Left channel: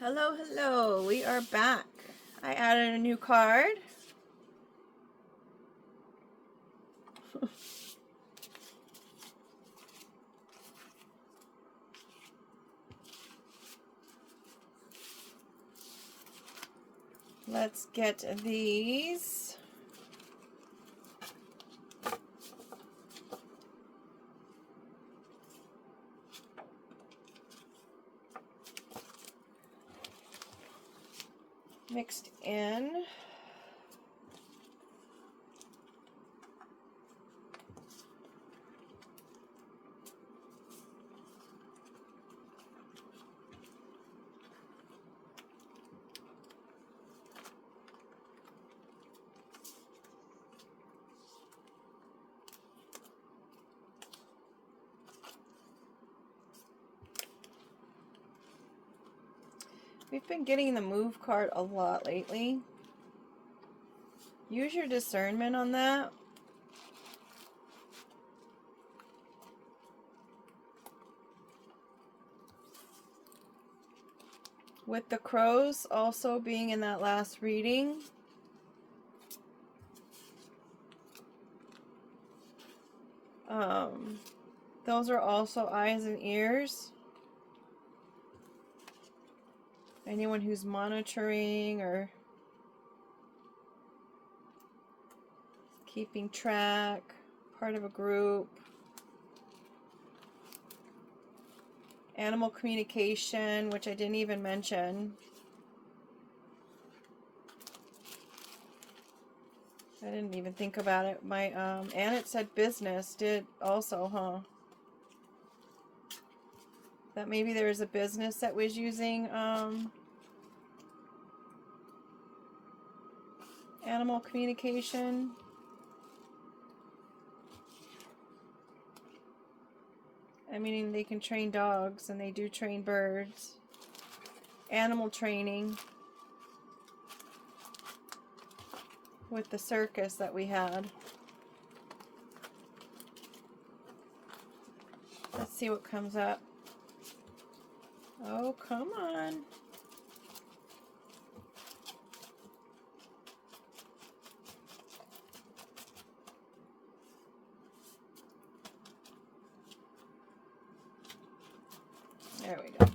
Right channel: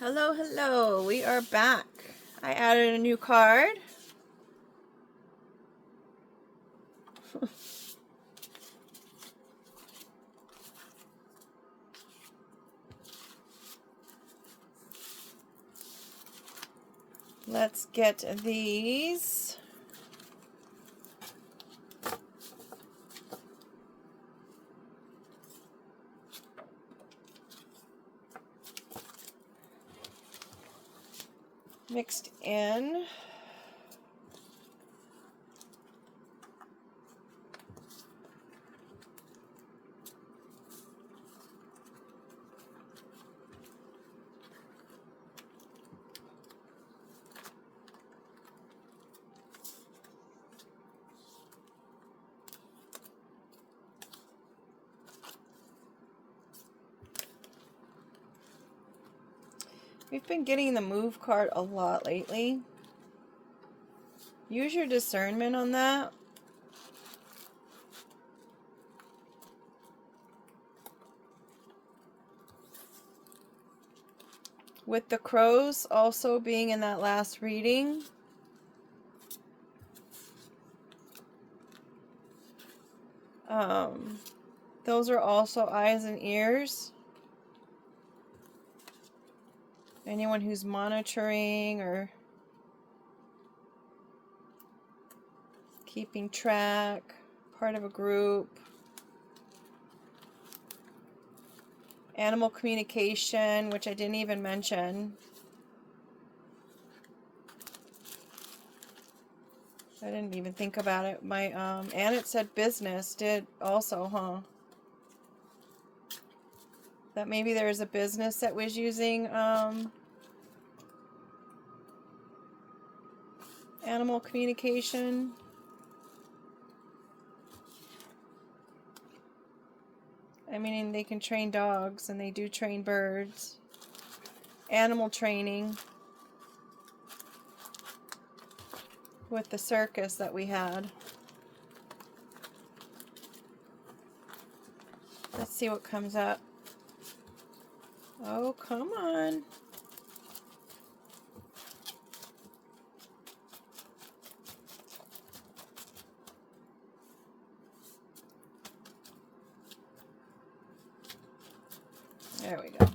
Hello, hello. We are back. I added a new card. Let's get these. Mixed in. We've been getting the move card a lot lately. Use your discernment on that. With the crows also being in that last reading. Those are also eyes and ears. Anyone who's monitoring or keeping track, part of a group. Animal communication, which I didn't even mention. I didn't even think about it. And it said business did also, huh? That maybe there was a business that was using animal communication. I mean, they can train dogs and they do train birds. Animal training with the circus that we had. Let's see what comes up. Oh, come on. There we go.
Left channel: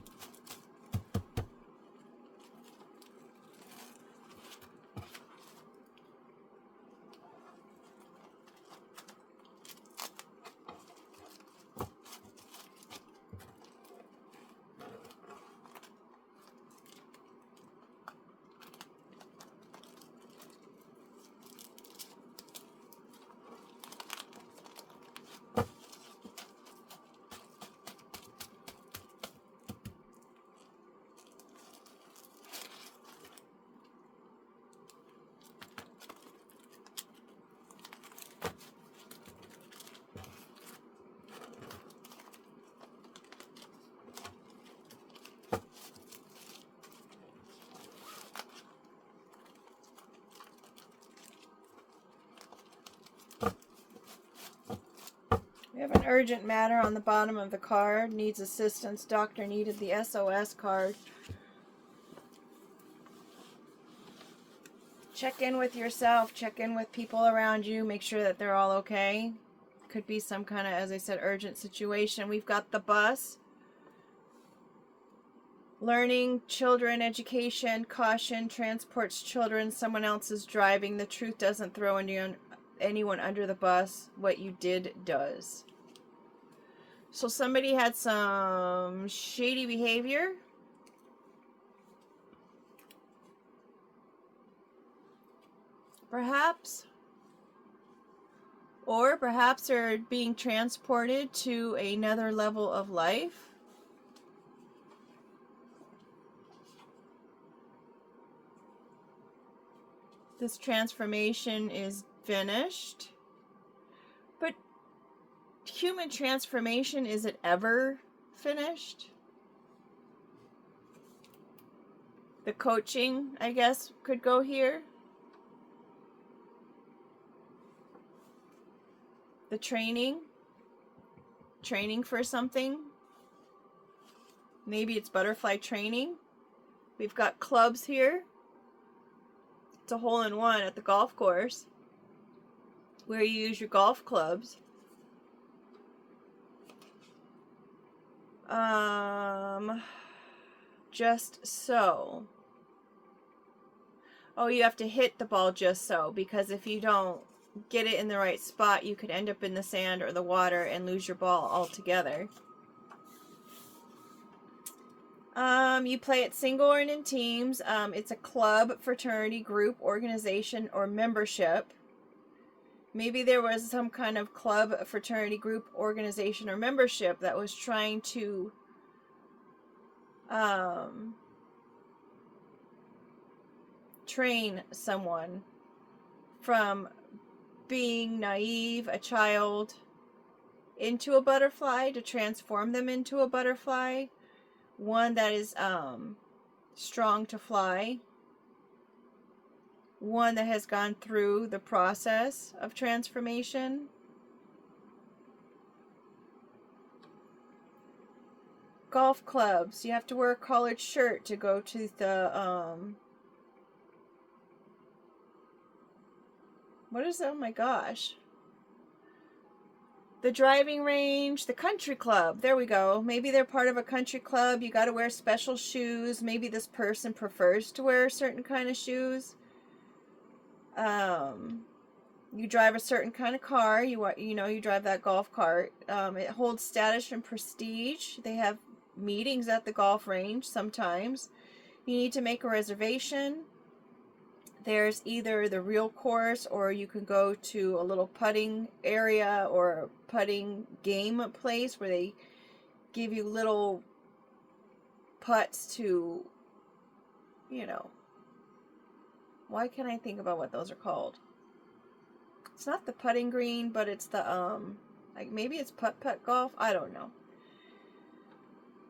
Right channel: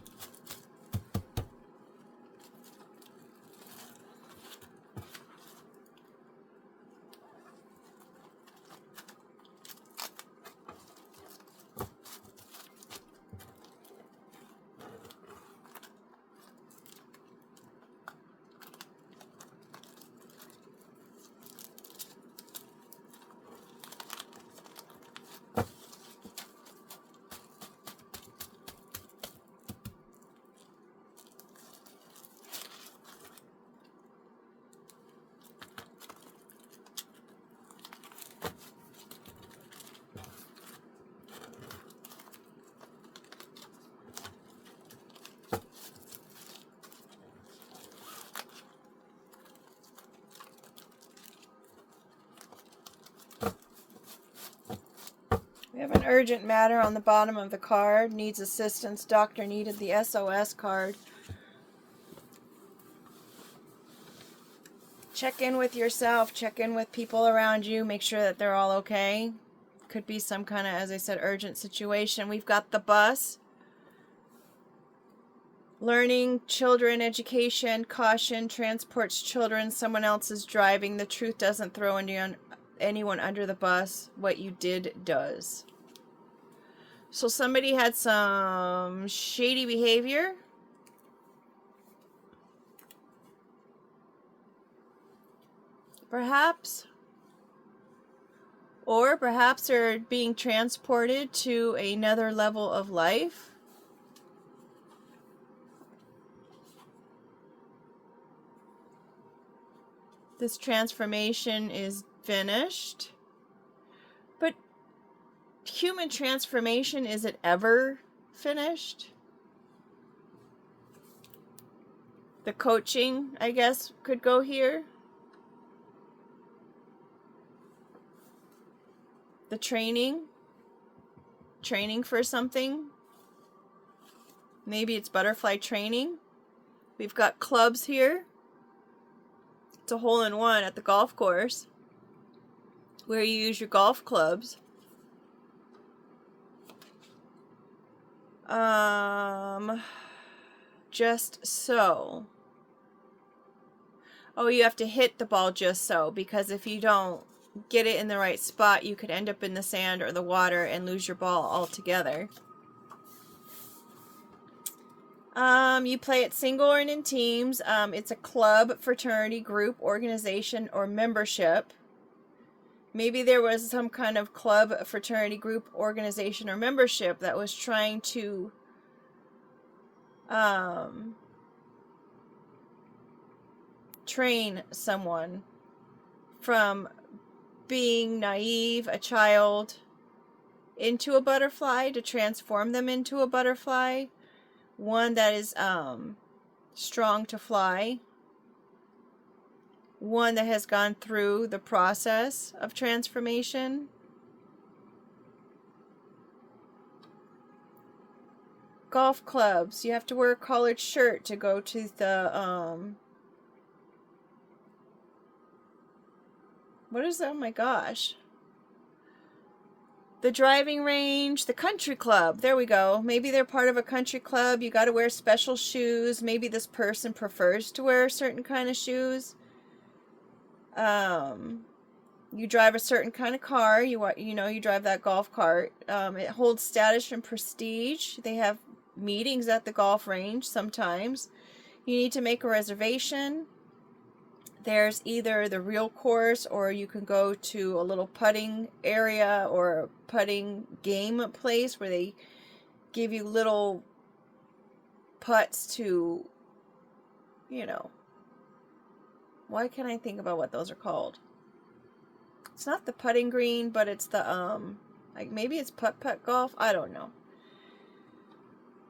We have an urgent matter on the bottom of the card. Needs assistance. Doctor needed the SOS card. Check in with yourself. Check in with people around you. Make sure that they're all okay. Could be some kind of, as I said, urgent situation. We've got the bus. Learning, children, education, caution, transports children. Someone else is driving. The truth doesn't throw anyone under the bus. What you did does. So somebody had some shady behavior. Perhaps. Or perhaps they're being transported to another level of life. This transformation is finished. But human transformation, is it ever finished? The coaching, I guess, could go here. The training for something. Maybe it's butterfly training. We've got clubs here. It's a hole-in-one at the golf course where you use your golf clubs. Just so. Oh, you have to hit the ball just so, because if you don't get it in the right spot, you could end up in the sand or the water and lose your ball altogether. You play it single or in teams. It's a club, fraternity, group, organization, or membership. Maybe there was some kind of club, fraternity, group, organization, or membership that was trying to train someone from being naive, a child, into a butterfly, to transform them into a butterfly. One that is strong to fly. One that has gone through the process of transformation. Golf clubs. You have to wear a collared shirt to go to the what is that? Oh my gosh. The driving range, the country club. There we go. Maybe they're part of a country club. You got to wear special shoes. Maybe this person prefers to wear a certain kind of shoes. You drive a certain kind of car. You drive that golf cart. It holds status and prestige. They have meetings at the golf range sometimes. You need to make a reservation. There's either the real course, or you can go to a little putting area or a putting game place where they give you little putts to, why can't I think about what those are called? It's not the putting green, but it's the, maybe it's putt-putt golf. I don't know.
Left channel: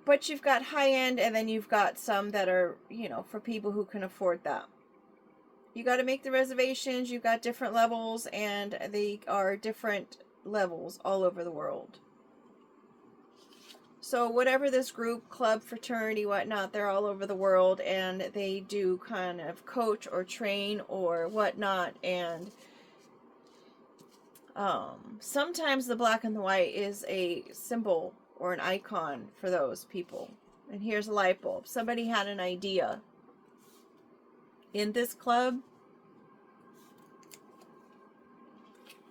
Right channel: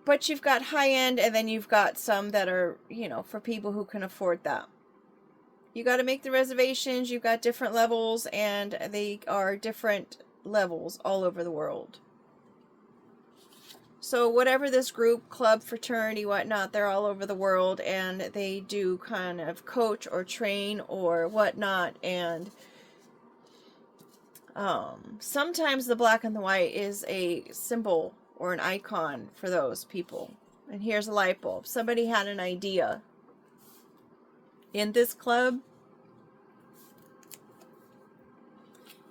But you've got high end, and then you've got some that are, for people who can afford that. You got to make the reservations. You've got different levels, and they are different levels all over the world. So whatever this group, club, fraternity, whatnot, they're all over the world, and they do kind of coach or train or whatnot. And sometimes the black and the white is a symbol or an icon for those people. And here's a light bulb. Somebody had an idea in this club.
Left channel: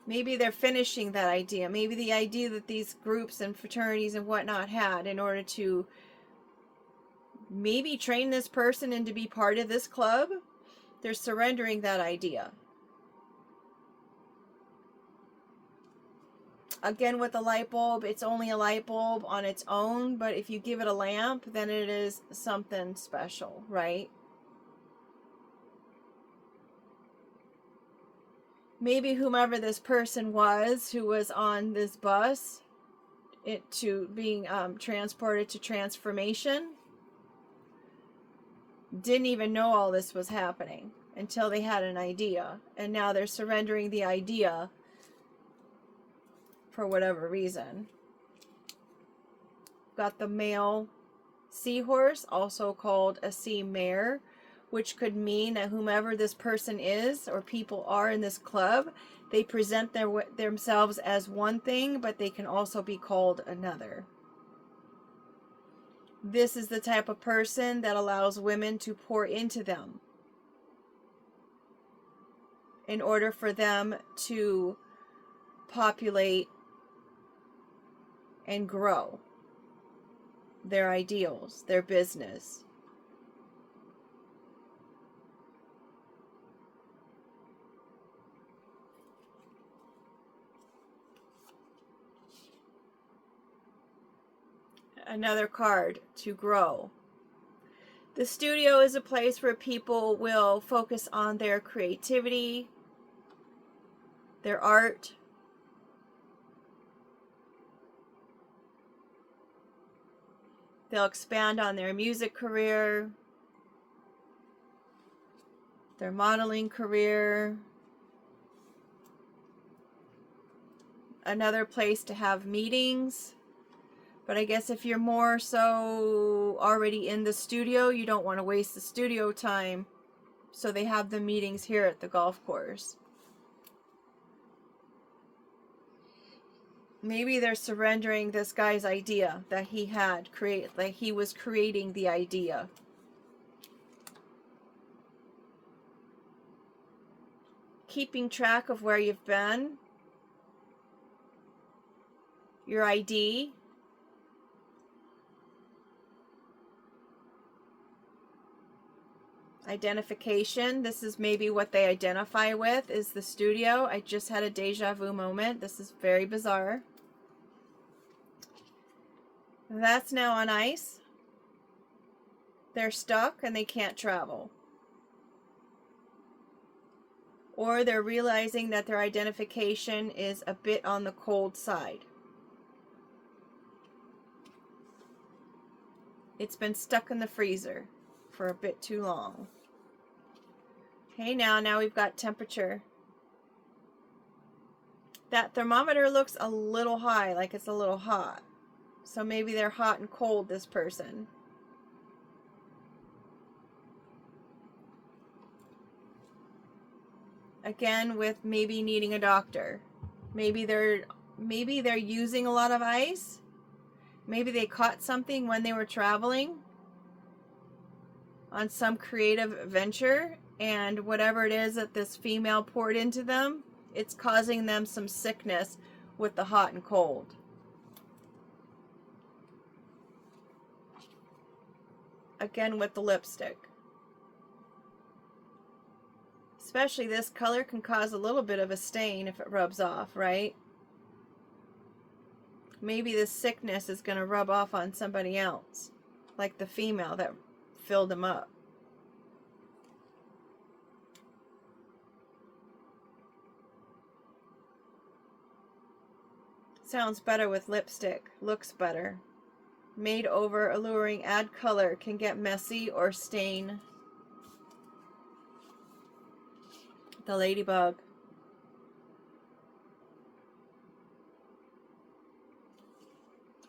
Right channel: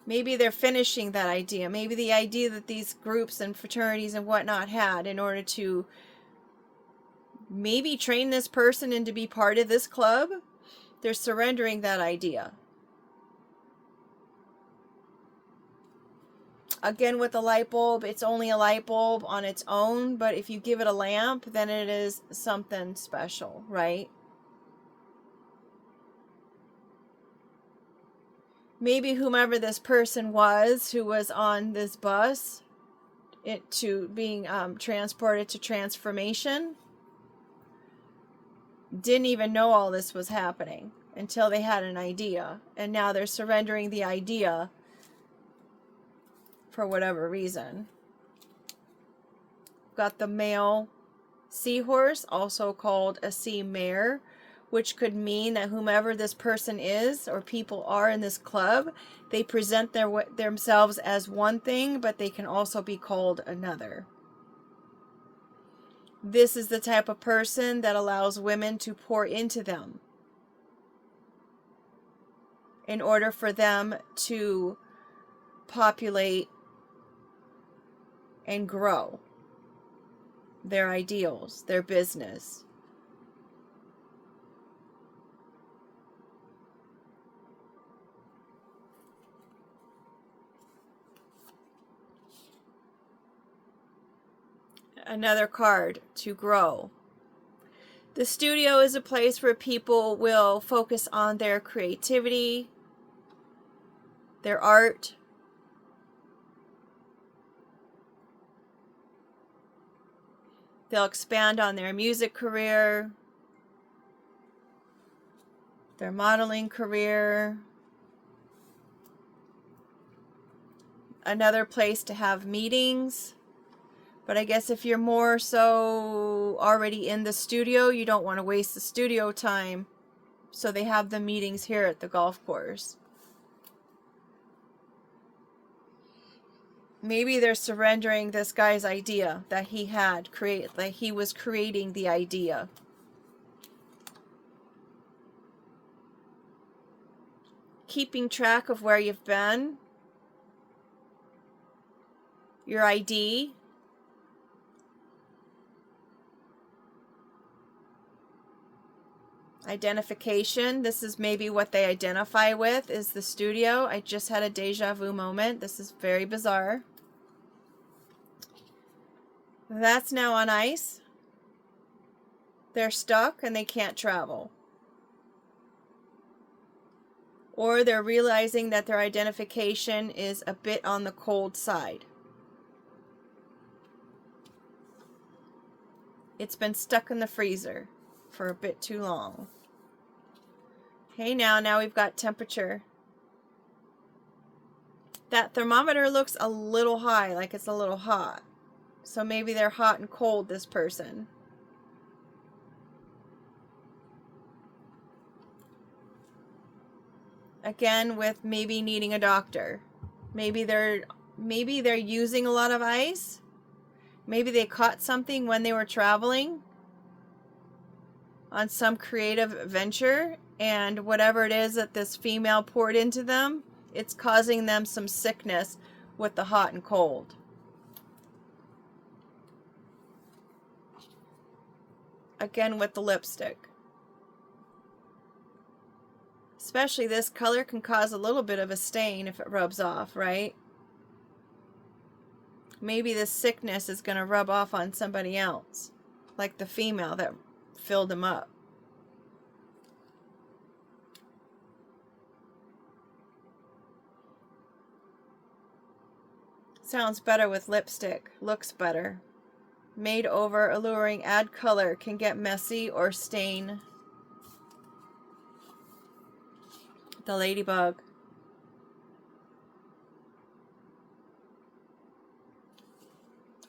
Maybe they're finishing that idea. Maybe the idea that these groups and fraternities and whatnot had in order to maybe train this person and to be part of this club, they're surrendering that idea. Again, with the light bulb, it's only a light bulb on its own, but if you give it a lamp, then it is something special, right? Maybe whomever this person was who was on this bus to being transported to transformation didn't even know all this was happening until they had an idea. And now they're surrendering the idea for whatever reason. Got the male seahorse, also called a sea mare, which could mean that whomever this person is or people are in this club, they present themselves as one thing, but they can also be called another. This is the type of person that allows women to pour into them in order for them to populate and grow their ideals, their business. Another card, to grow. The studio is a place where people will focus on their creativity, their art. They'll expand on their music career, their modeling career. Another place to have meetings But I guess if you're more so already in the studio, you don't want to waste the studio time. So they have the meetings here at the golf course. Maybe they're surrendering this guy's idea that he had created, like he was creating the idea. Keeping track of where you've been, your ID, identification. This is maybe what they identify with, is the studio. I just had a deja vu moment. This is very bizarre. That's now on ice. They're stuck and they can't travel. Or they're realizing that their identification is a bit on the cold side. It's been stuck in the freezer for a bit too long. Okay, now we've got temperature. That thermometer looks a little high, like it's a little hot. So maybe they're hot and cold, this person. Again, with maybe needing a doctor. Maybe they're using a lot of ice. Maybe they caught something when they were traveling on some creative venture, and whatever it is that this female poured into them, it's causing them some sickness with the hot and cold. Again with the lipstick. Especially this color can cause a little bit of a stain if it rubs off, right? Maybe this sickness is going to rub off on somebody else, like the female that filled him up. Sounds better with lipstick. Looks better. Made over, alluring, add color, can get messy or stain. The ladybug.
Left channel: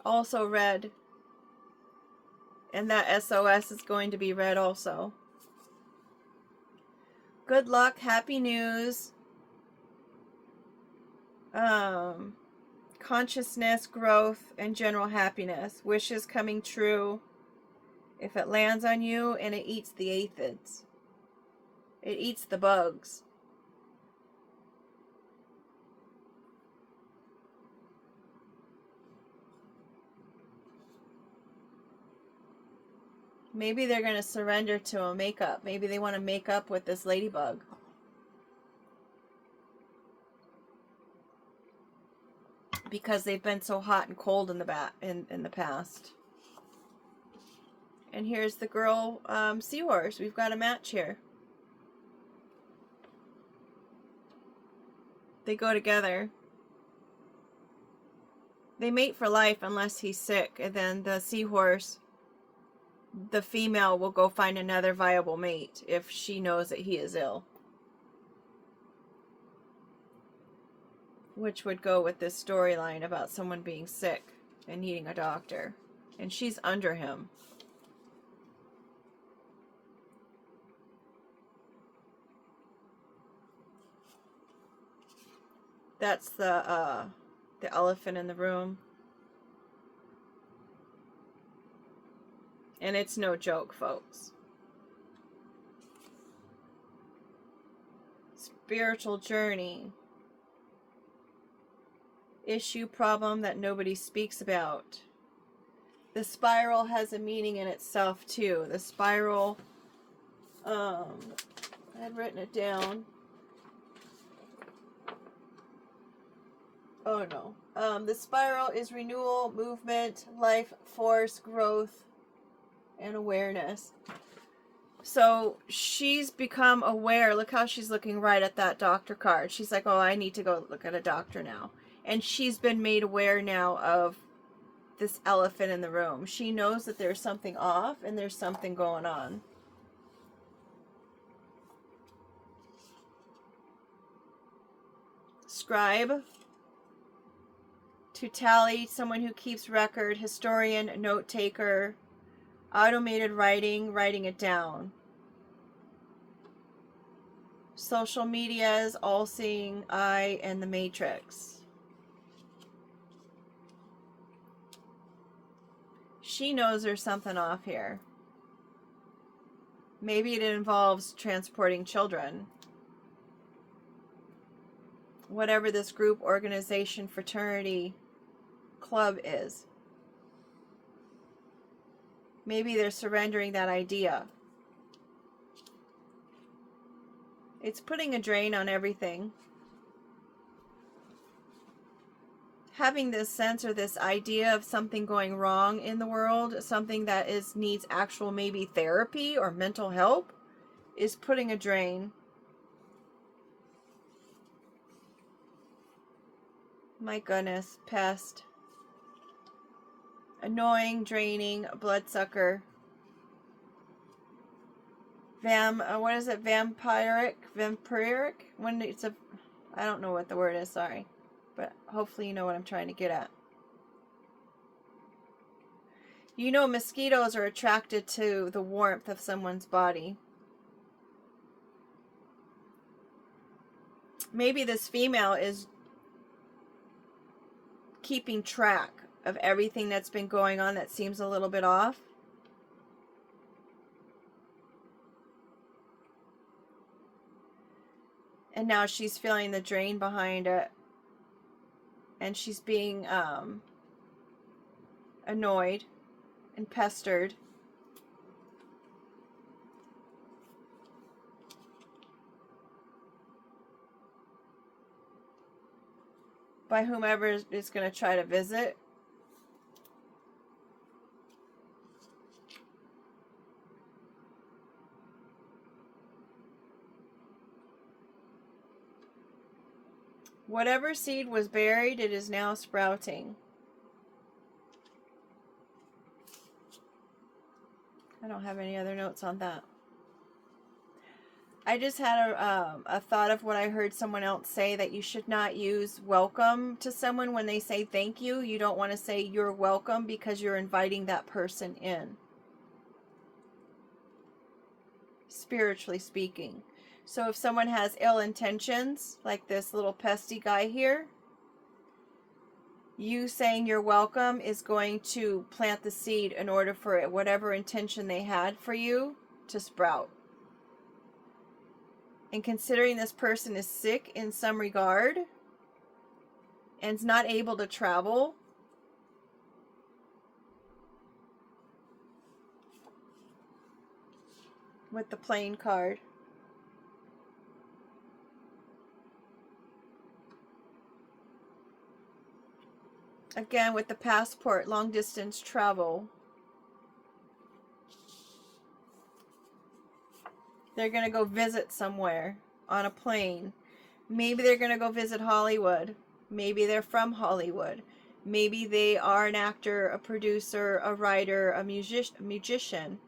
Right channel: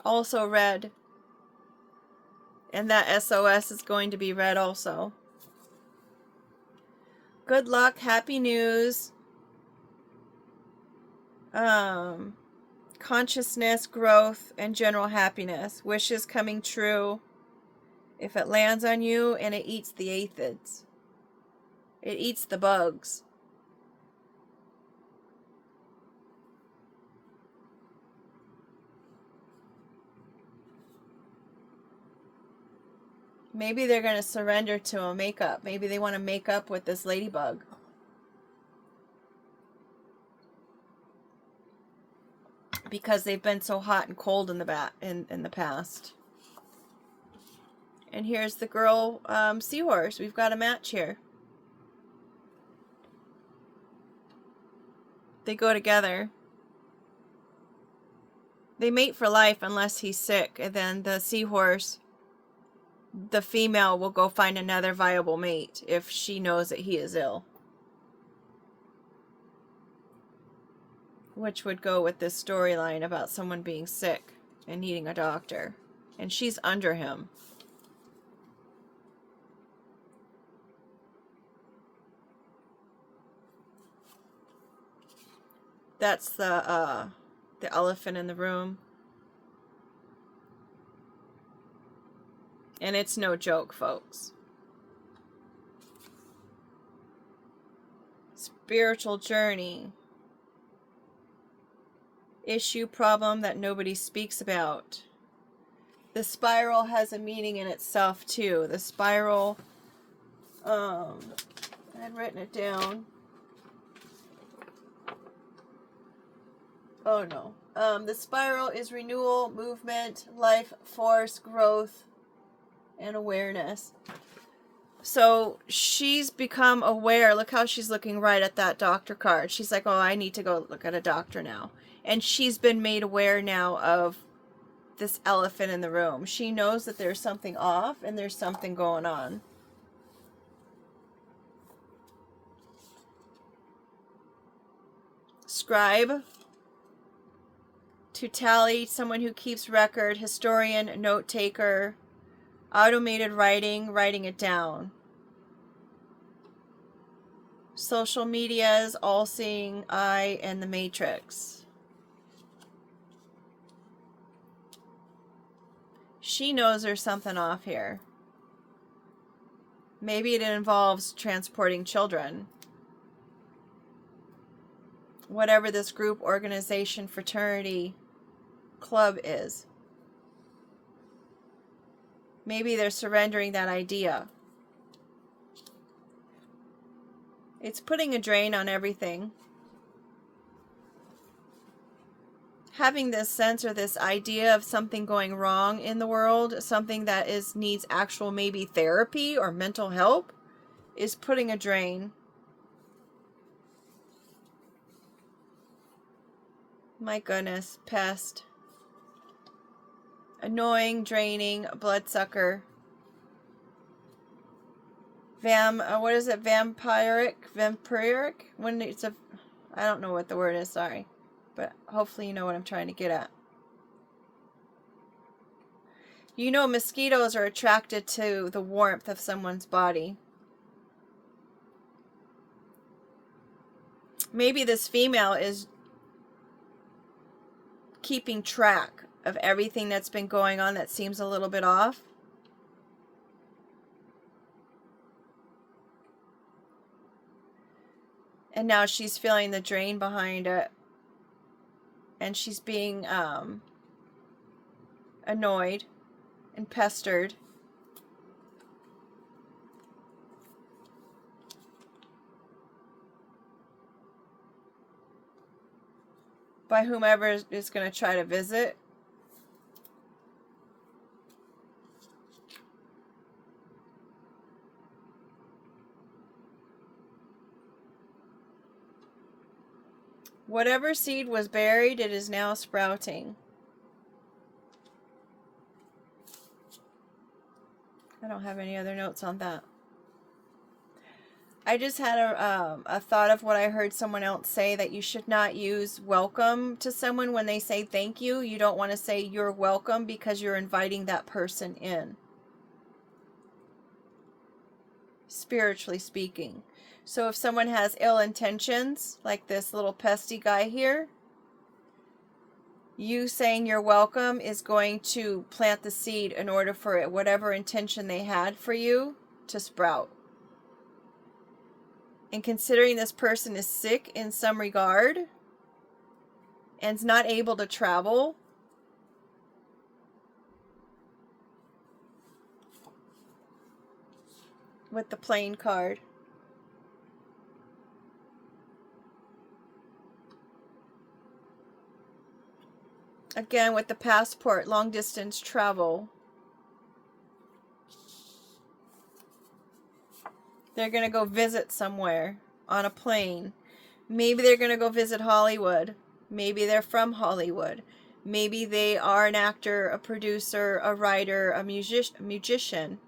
Also red. And that SOS is going to be red also. Good luck, happy news. Consciousness, growth, and general happiness. Wishes coming true. If it lands on you and it eats the aphids. It eats the bugs. Maybe they're going to surrender to a makeup. Maybe they want to make up with this ladybug. Because they've been so hot and cold in the past. And here's the girl seahorse. We've got a match here. They go together. They mate for life unless he's sick. And then the seahorse, the female, will go find another viable mate if she knows that he is ill. Which would go with this storyline about someone being sick and needing a doctor. And she's under him. That's the elephant in the room. And it's no joke, folks. Spiritual journey. Issue, problem that nobody speaks about. The spiral has a meaning in itself too. The spiral, I had written it down. Oh no. The spiral is renewal, movement, life force, growth, and awareness. So she's become aware. Look how she's looking right at that doctor card. She's like, oh, I need to go look at a doctor now. And she's been made aware now of this elephant in the room. She knows that there's something off and there's something going on. Scribe. To tally, someone who keeps record, historian, note taker, automated writing, writing it down. Social medias, all-seeing eye, and the matrix. She knows there's something off here. Maybe it involves transporting children. Whatever this group, organization, fraternity, club is. Maybe they're surrendering that idea. It's putting a drain on everything. Having this sense or this idea of something going wrong in the world, something that needs actual maybe therapy or mental help, is putting a drain. My goodness, pest. Annoying, draining, bloodsucker. What is it? Vampiric? When it's a, I don't know what the word is, sorry. But hopefully you know what I'm trying to get at. You know, mosquitoes are attracted to the warmth of someone's body. Maybe this female is keeping track of everything that's been going on that seems a little bit off. And now she's feeling the drain behind it. And she's being annoyed and pestered. By whomever is going to try to visit. Whatever seed was buried, it is now sprouting. I don't have any other notes on that. I just had a thought of what I heard someone else say, that you should not use welcome to someone when they say thank you. You don't want to say you're welcome because you're inviting that person in. Spiritually speaking. So if someone has ill intentions, like this little pesty guy here, you saying you're welcome is going to plant the seed in order for it, whatever intention they had for you, to sprout. And considering this person is sick in some regard and is not able to travel, with the plane card. Again, with the passport, long distance travel. They're going to go visit somewhere on a plane. Maybe they're going to go visit Hollywood. Maybe they're from Hollywood. Maybe they are an actor, a producer, a writer, a musician.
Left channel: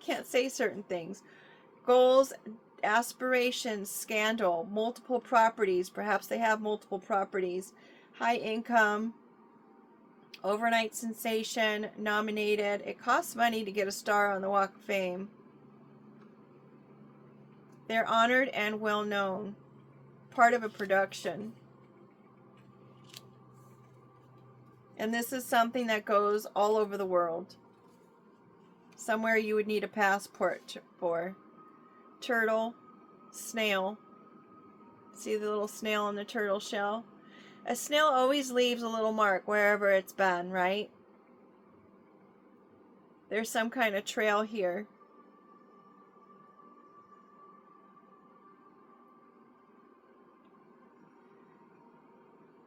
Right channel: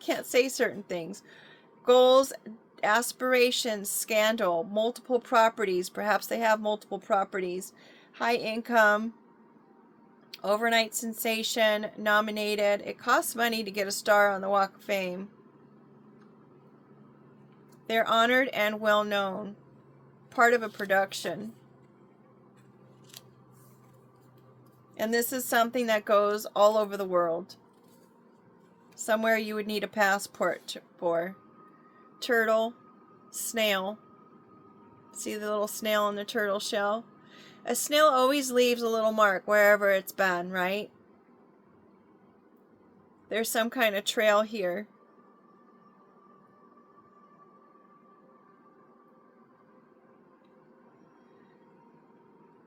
Can't say certain things. Goals, aspirations, scandal, multiple properties. Perhaps they have multiple properties. High income, overnight sensation, nominated. It costs money to get a star on the Walk of Fame. They're honored and well known. Part of a production. And this is something that goes all over the world. Somewhere you would need a passport for. Turtle, snail. See the little snail in the turtle shell? A snail always leaves a little mark wherever it's been, right? There's some kind of trail here.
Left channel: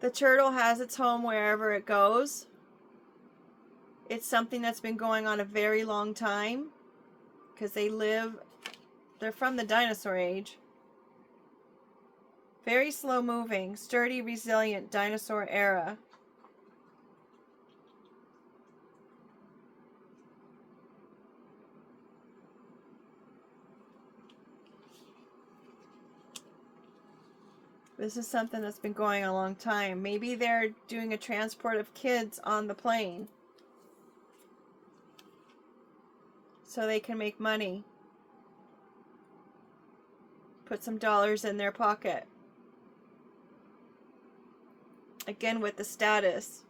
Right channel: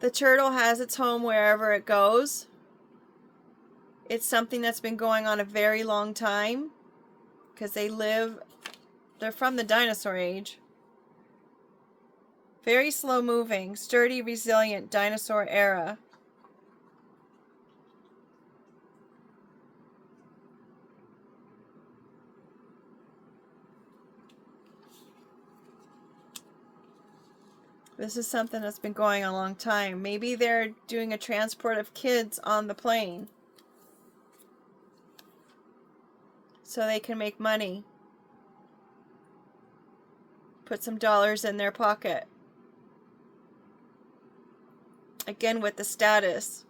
The turtle has its home wherever it goes. It's something that's been going on a very long time because they're from the dinosaur age. Very slow moving, sturdy, resilient, dinosaur era. This is something that's been going a long time. Maybe they're doing a transport of kids on the plane so they can make money. Put some dollars in their pocket. Again with the status.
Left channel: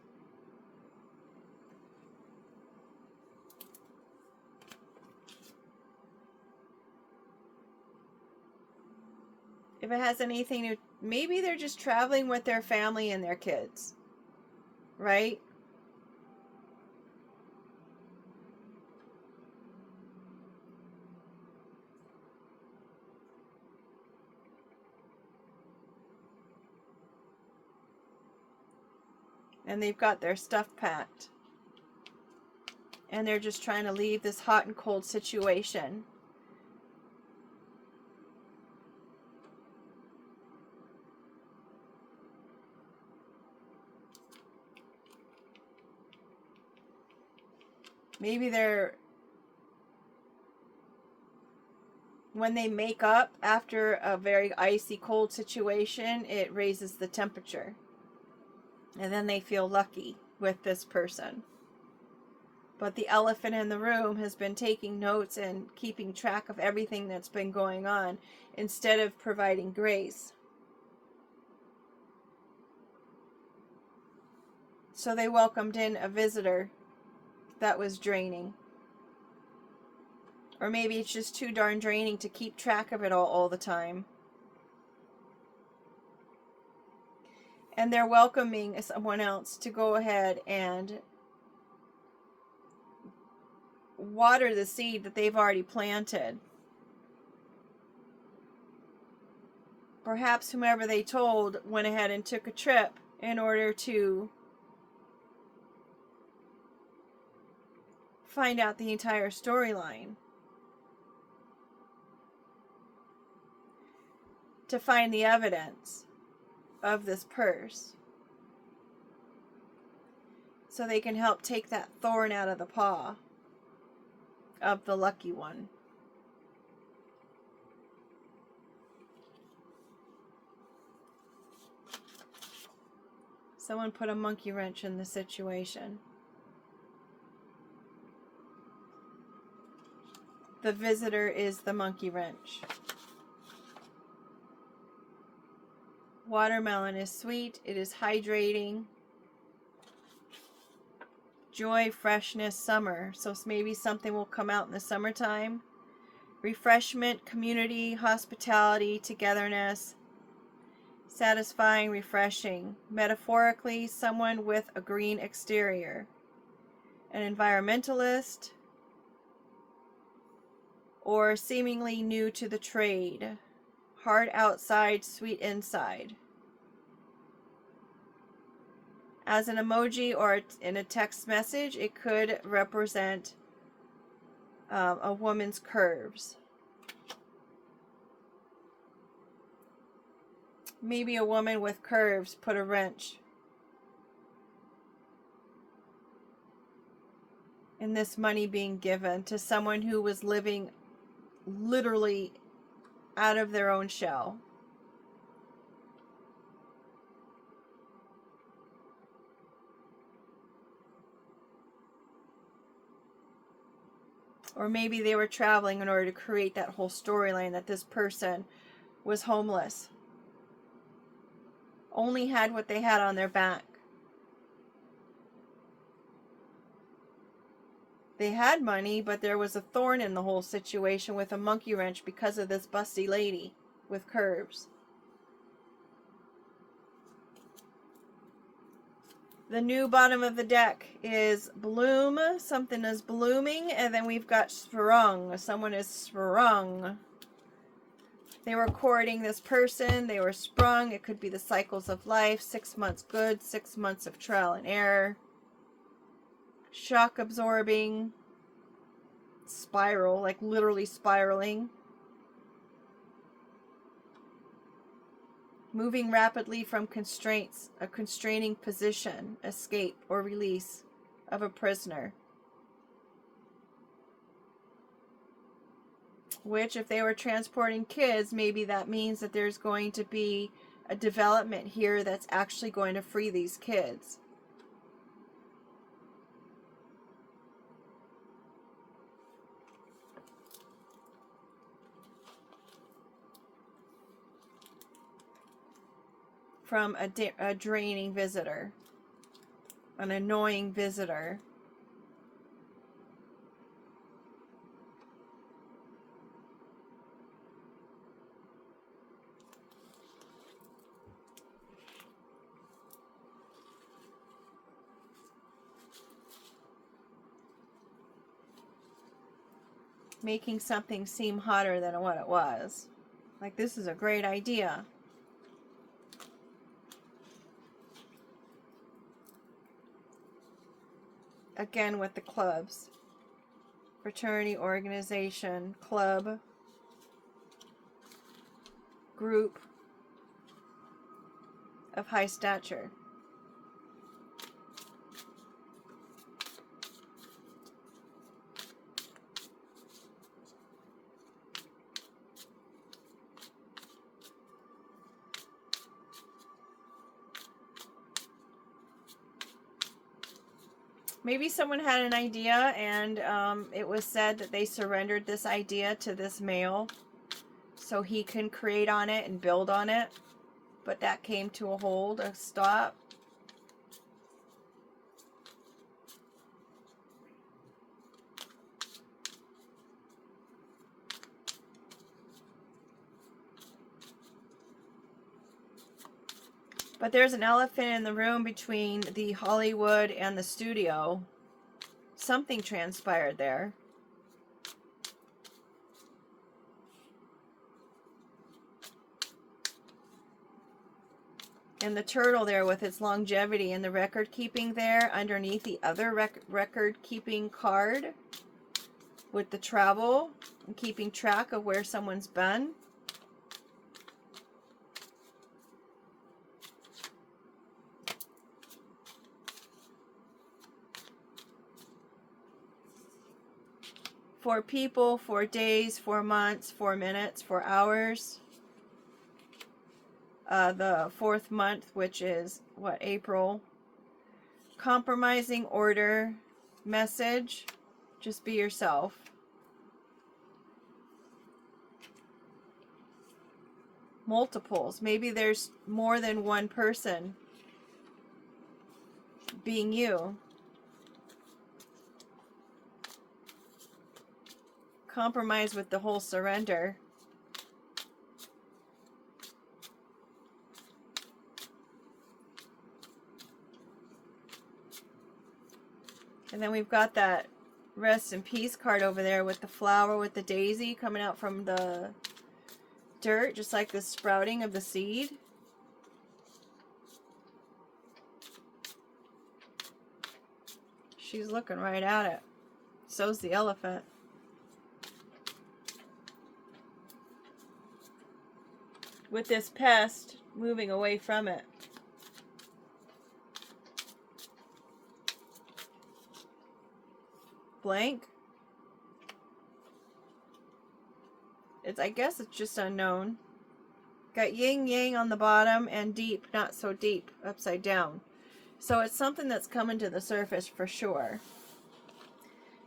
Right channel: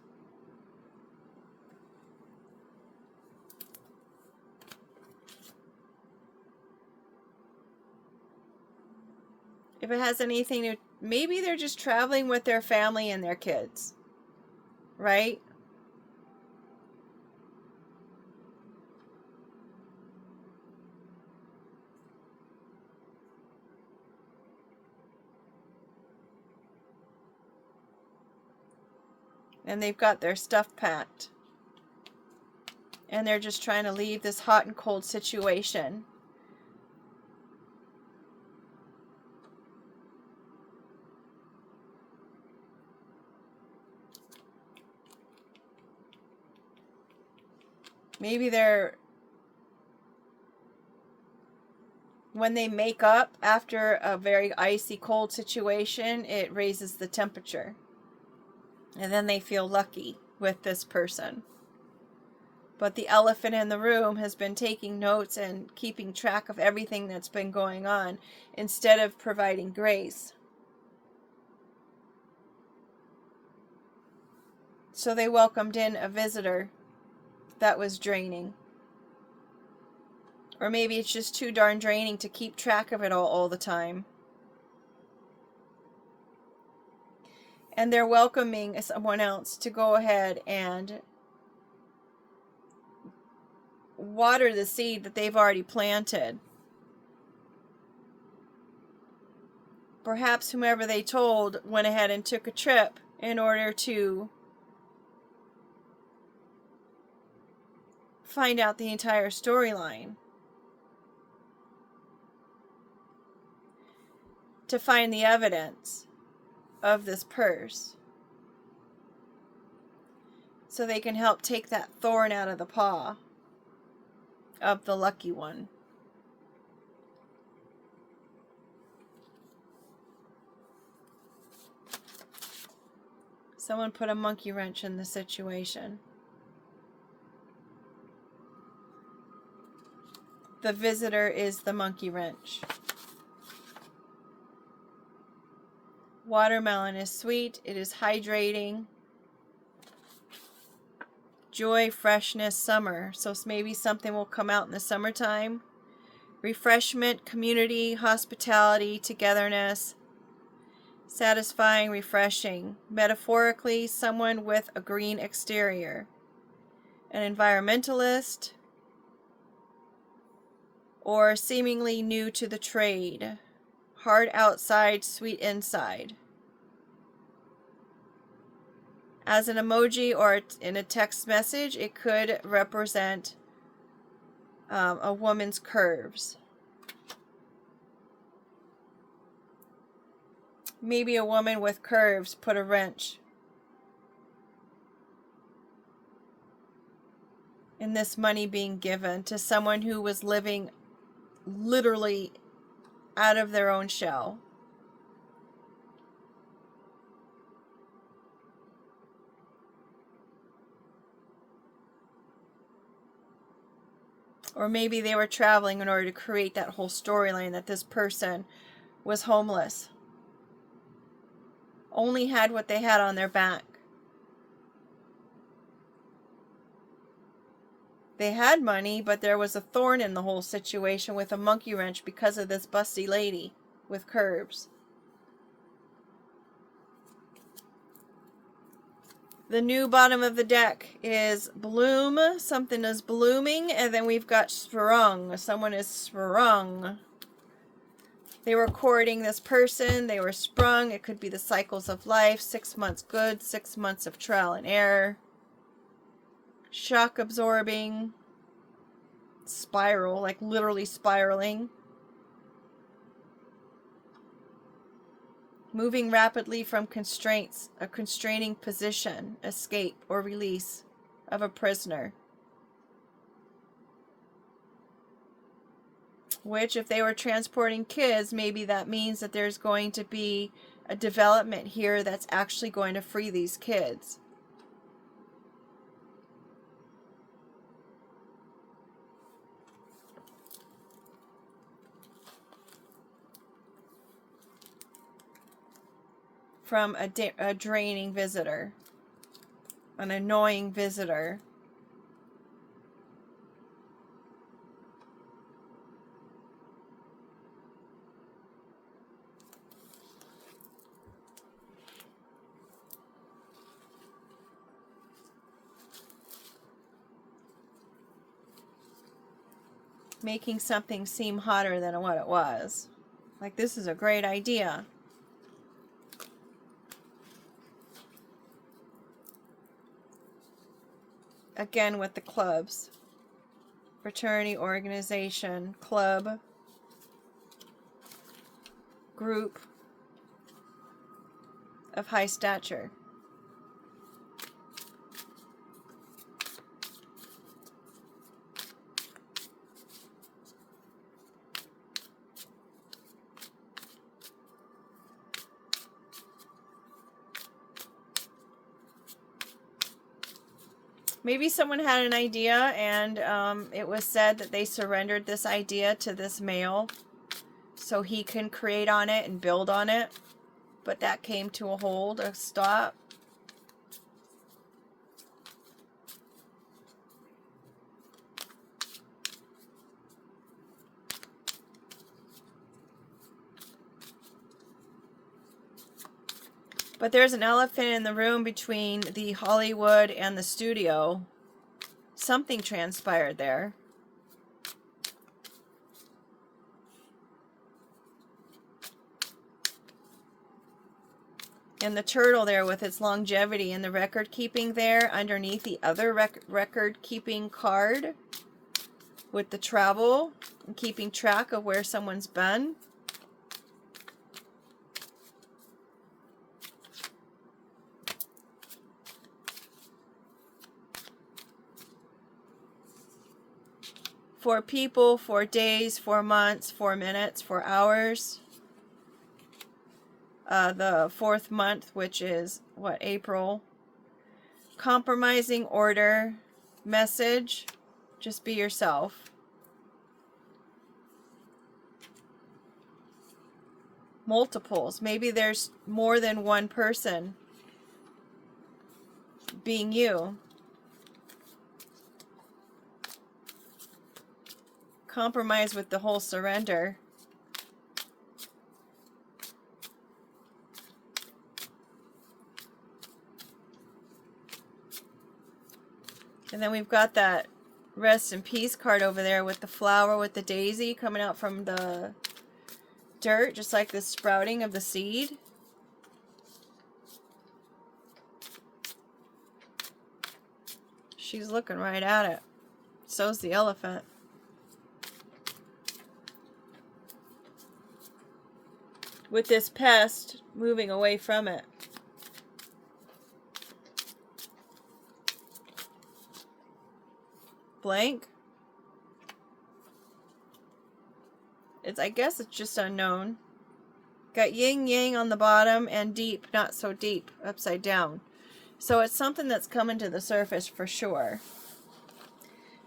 If it has anything to, maybe they're just traveling with their family and their kids, right? And they've got their stuff packed. And they're just trying to leave this hot and cold situation. Maybe they're, when they make up after a very icy cold situation, it raises the temperature. And then they feel lucky with this person. But the elephant in the room has been taking notes and keeping track of everything that's been going on instead of providing grace. So they welcomed in a visitor that was draining. Or maybe it's just too darn draining to keep track of it all the time. And they're welcoming someone else to go ahead and water the seed that they've already planted. Perhaps whomever they told went ahead and took a trip in order to find out the entire storyline. To find the evidence of this purse. So they can help take that thorn out of the paw of the lucky one. Someone put a monkey wrench in the situation. The visitor is the monkey wrench. Watermelon is sweet. It is hydrating. Joy, freshness, summer. So maybe something will come out in the summertime. Refreshment, community, hospitality, togetherness. Satisfying, refreshing. Metaphorically, someone with a green exterior. An environmentalist. Or seemingly new to the trade. Hard outside, sweet inside. As an emoji or in a text message, it could represent a woman's curves. Maybe a woman with curves put a wrench in this money being given to someone who was living literally out of their own shell. Or maybe they were traveling in order to create that whole storyline that this person was homeless. Only had what they had on their back. They had money, but there was a thorn in the whole situation with a monkey wrench because of this busty lady with curves. The new bottom of the deck is bloom. Something is blooming. And then we've got sprung. Someone is sprung. They were courting this person. They were sprung. It could be the cycles of life. 6 months good. 6 months of trial and error. Shock absorbing. Spiral. Like literally spiraling. Moving rapidly from constraints, a constraining position, escape or release of a prisoner. Which, if they were transporting kids, maybe that means that there's going to be a development here that's actually going to free these kids. From a draining visitor, an annoying visitor. Making something seem hotter than what it was. Like, this is a great idea. Again with the clubs. Fraternity, organization, club, group of high stature. Maybe someone had an idea and it was said that they surrendered this idea to this male so he can create on it and build on it. But that came to a hold, a stop. But there's an elephant in the room between the Hollywood and the studio. Something transpired there. And the turtle there with its longevity and the record keeping there underneath the other record keeping card with the travel and keeping track of where someone's been. For people, 4 days, 4 months, 4 minutes, 4 hours. The 4th month, which is, what, April. Compromising order. Message. Just be yourself. Multiples. Maybe there's more than one person being you. Compromise with the whole surrender. And then we've got that rest in peace card over there with the flower with the daisy coming out from the dirt, just like the sprouting of the seed. She's looking right at it. So's the elephant. With this pest moving away from it. Blank. I guess it's just unknown. Got yin yang on the bottom and deep, not so deep, upside down. So it's something that's coming to the surface for sure.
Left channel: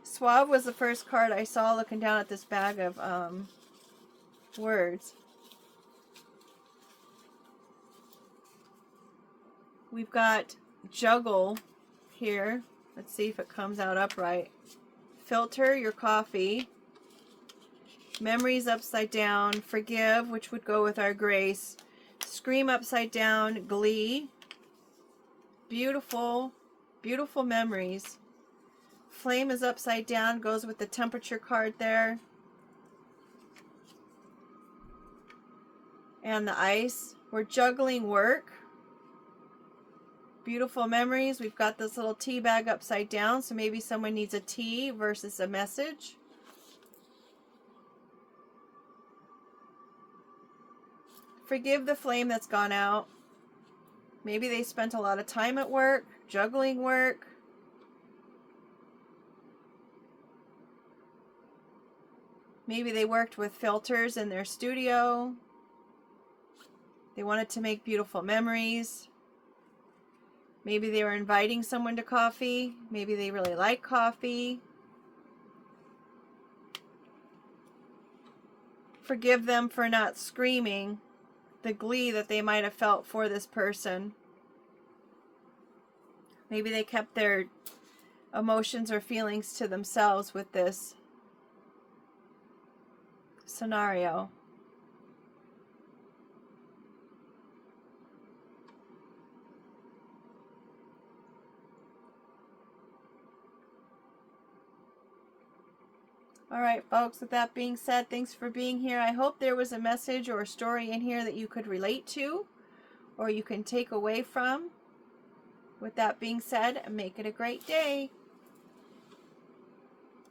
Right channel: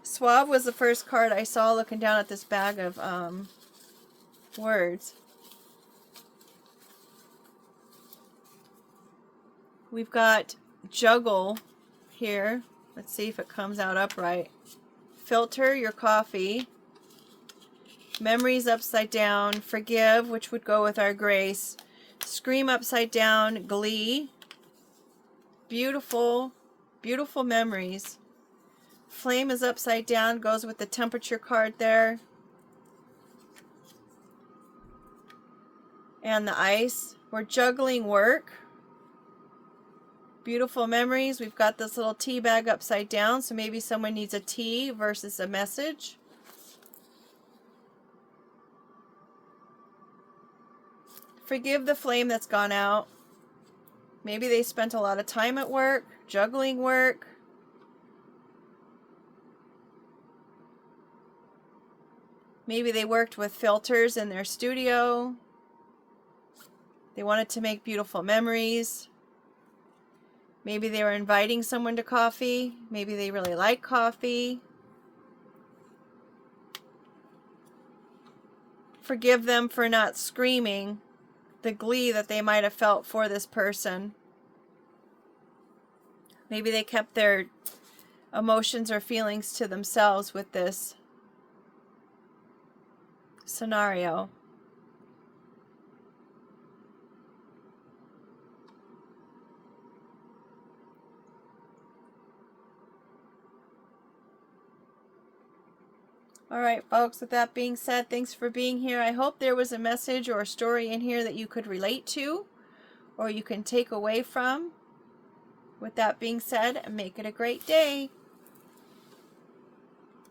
Suave was the first card I saw looking down at this bag of words. We've got juggle here. Let's see if it comes out upright. Filter your coffee. Memories upside down. Forgive, which would go with our grace. Scream upside down. Glee. Beautiful, beautiful memories. Flame is upside down. Goes with the temperature card there. And the ice. We're juggling work. Beautiful memories. We've got this little tea bag upside down, so maybe someone needs a tea versus a message. Forgive the flame that's gone out. Maybe they spent a lot of time at work, juggling work. Maybe they worked with filters in their studio. They wanted to make beautiful memories. Maybe they were inviting someone to coffee. Maybe they really like coffee. Forgive them for not screaming the glee that they might have felt for this person. Maybe they kept their emotions or feelings to themselves with this scenario. All right, folks, with that being said, thanks for being here. I hope there was a message or a story in here that you could relate to or you can take away from. With that being said, make it a great day.